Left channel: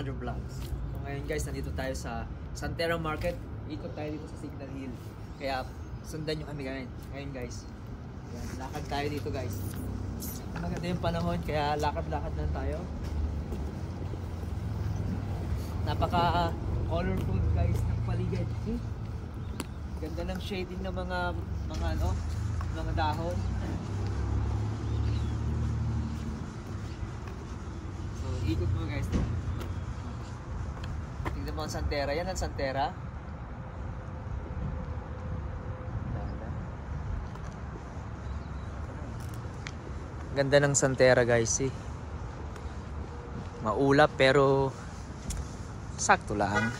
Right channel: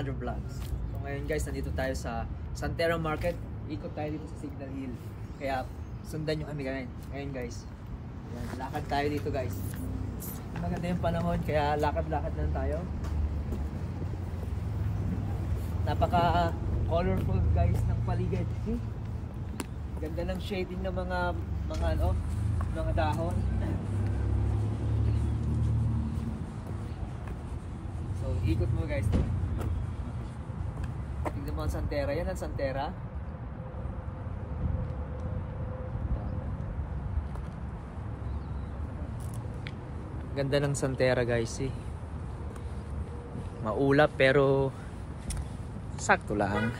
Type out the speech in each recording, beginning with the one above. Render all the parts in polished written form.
another vlogs. So ngayon guys, nandito tayo sa Santera Market. Ikot tayo dito sa Signal Hill. Kaya sundan nyo kami ngayon guys. Yan, lakad tayo dito guys. Maganda yung panahon kaya lakad-lakad lang tayo. Napaka colorful guys ng paligid. See? Ganda ng shading ng mga dahon. So ikot mo guys. Tingnan mo ang Santera. Yan ang Santera. Ganda ng Santera guys eh. Maulap pero sakto lang.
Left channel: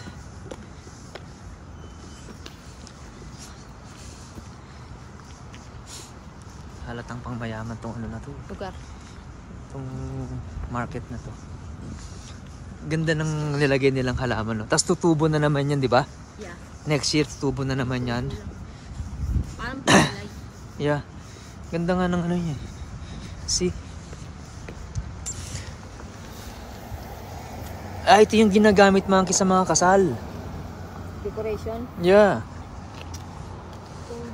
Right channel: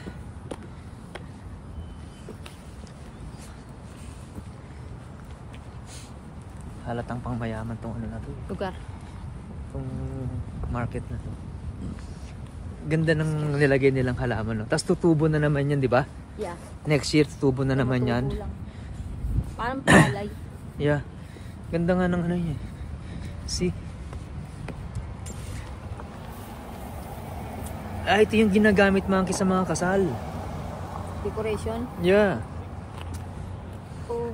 Halatang pang mayaman tong ano na to. Lugar. Tong market na to. Ganda ng nilagay nilang halaman no. Tapos tutubo na naman yan, di ba? Yeah. Next year tutubo na naman yan. Parang palay. Yeah. Ganda nga ng ano niya. See? Ah, ito yung ginagamit monkey sa mga kasal. Decoration? Yeah. Oh.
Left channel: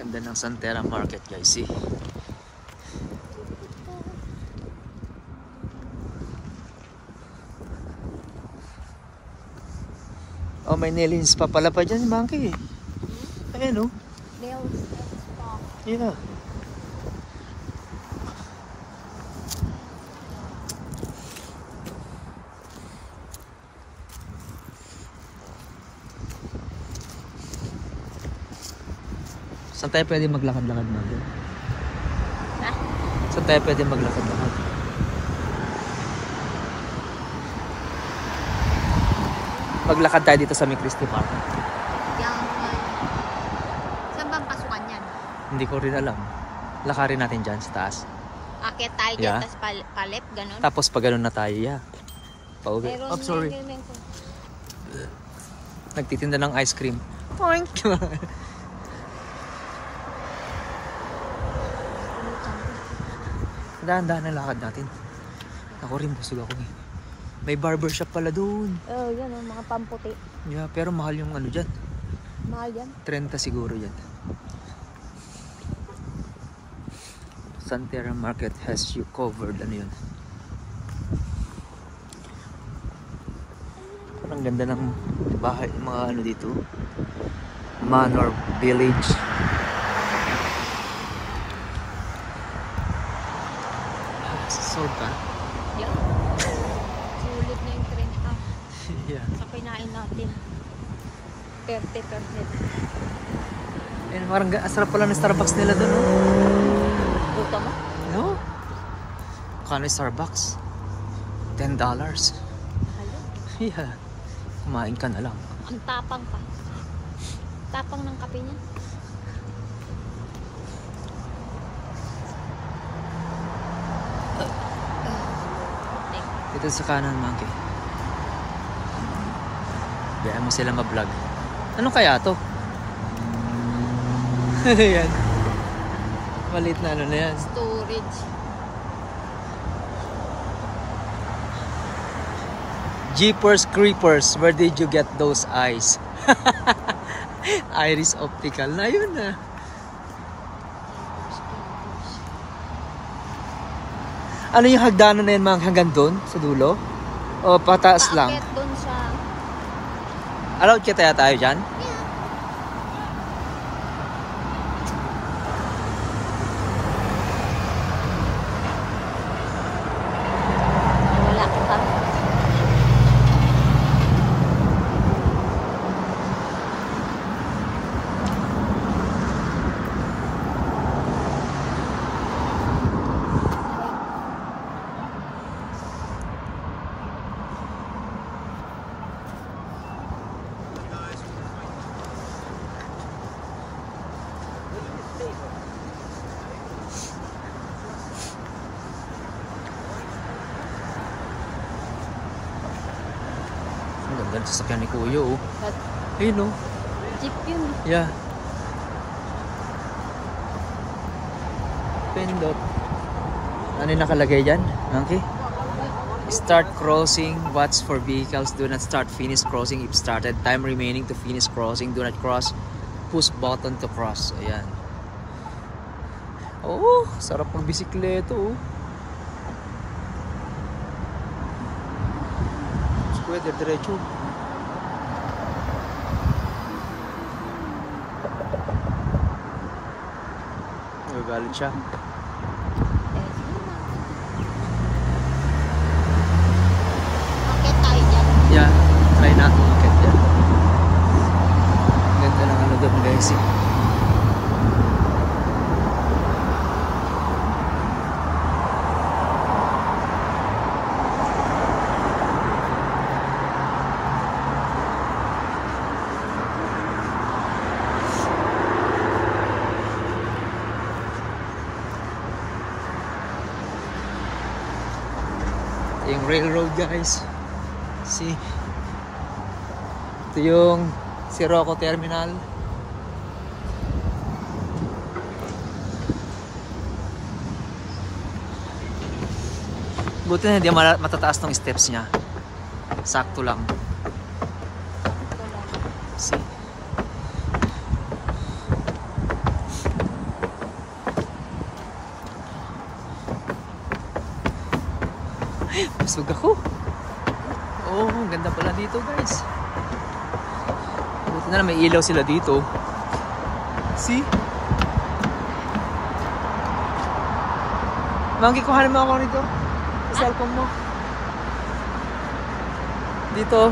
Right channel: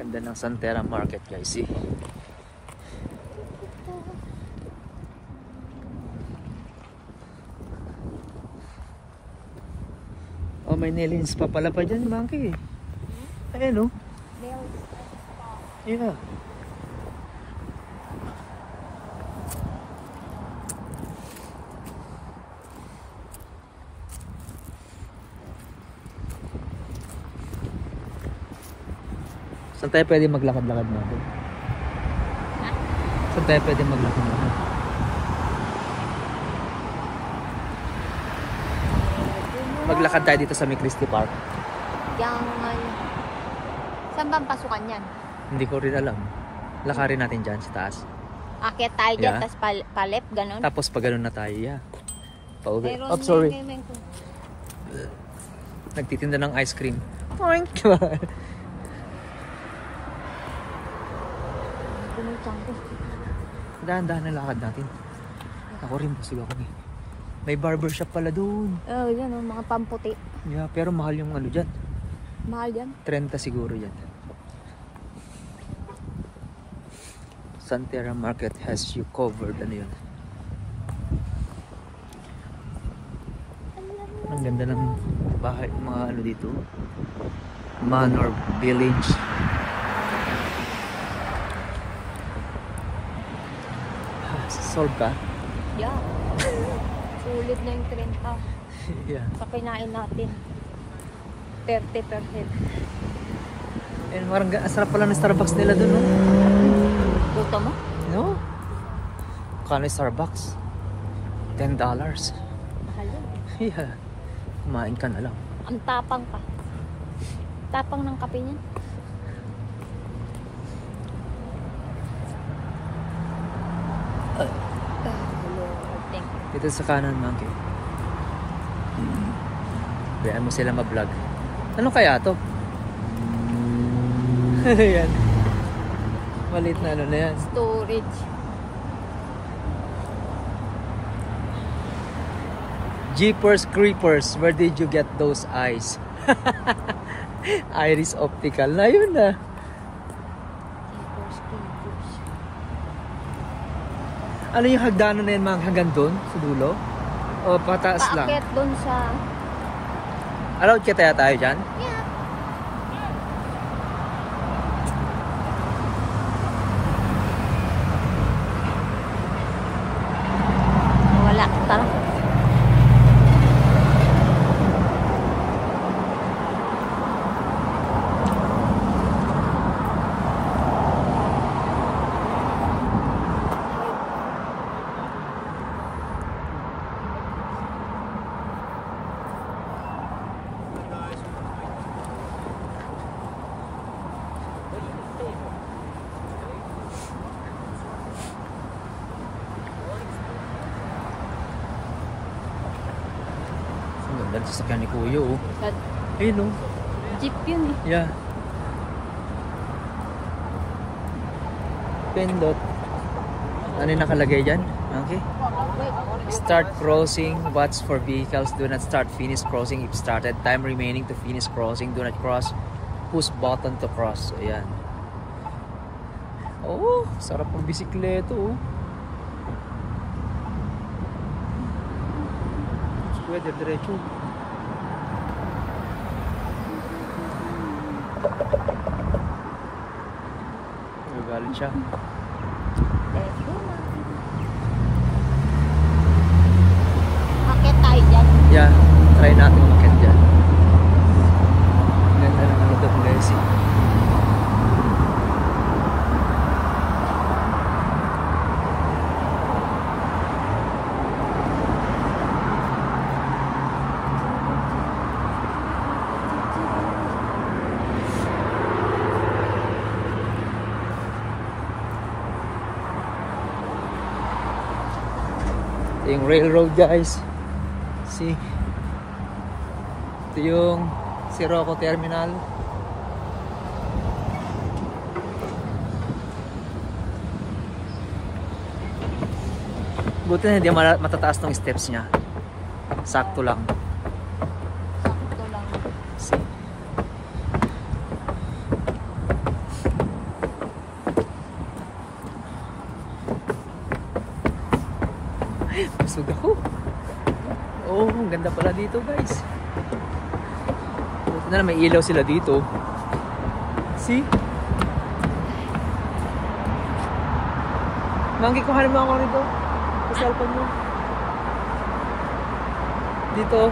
Ganda ng Santera Market guys, see? Oh, may nailins pa pala pa dyan, monkey. Ayan, oh. Yeah. Saan tayo pwede maglakad-lakad natin? Ha? Saan tayo pwede maglakad-lakad? Maglakad tayo dito sa May Christie Park. Yan ngayon. Saan ba ang pasukan yan? Hindi ko rin alam. Lakarin natin dyan sa taas. Akit tayo dyan, Yeah. tas palep, ganun. Tapos pag ganun na tayo, yeah. Pauwi. Oh, sorry. Nagtitinda ng ice cream. Poink! Dahan-dahan ang lakad natin. Ako rin, busog ako eh. May barbershop pala doon. Oh, yan, yung mga pamputi. Yeah, pero mahal yung ano dyan. Mahal yan. 30 siguro yan. Santera Market has you covered. Ano yun? Parang ganda ng bahay, mga ano dito. Manor Village. Solve ka? Yeah. Sulit na yung 30. Yeah. Sa kinain natin. 30 per head. And parang asarap pala ng Starbucks nila doon, no? Dito mo? No? Kano yung Starbucks? $10. Yeah. Kumain ka na lang. Ang tapang ka. Tapang ng kape niya. Dito sa kanan, monkey. Bayaan mo sila ma-vlog. Ano kaya to? Yan. Maliit na ano na yan. Storage. Jeepers Creepers, where did you get those eyes? Iris Optical na yun na. Ano yung hagdanan na yan, mga hanggang doon sa dulo? O pataas lang? Akit dun sa... Allowed kaya tayo dyan? Wala ka. Ang ganda ng sasakyan ni Kuya, oh. Ayun, oh. Jeep yun. Yeah. Pindot. Ano yung nakalagay dyan? Monkey? Start crossing. Watch for vehicles. Do not start. Finish crossing if started. Time remaining to finish crossing. Do not cross. Push button to cross. Ayan. Oh, sarap ng bisikleto, oh. Kuya, diretso. Nagagalit siya. Akit tayo dyan. Yeah, try natin umakit dyan. Ganda lang ano doon guys. Yung railroad guys. See? Ito yung Sirocco Terminal. Buti na hindi matataas ng steps niya. Sakto lang. See? Busog ako. Oh, ang ganda pala dito guys. Buti na may ilaw sila dito. See? Monkey, kuhanin mo ako rito. Sa cellphone mo. Dito.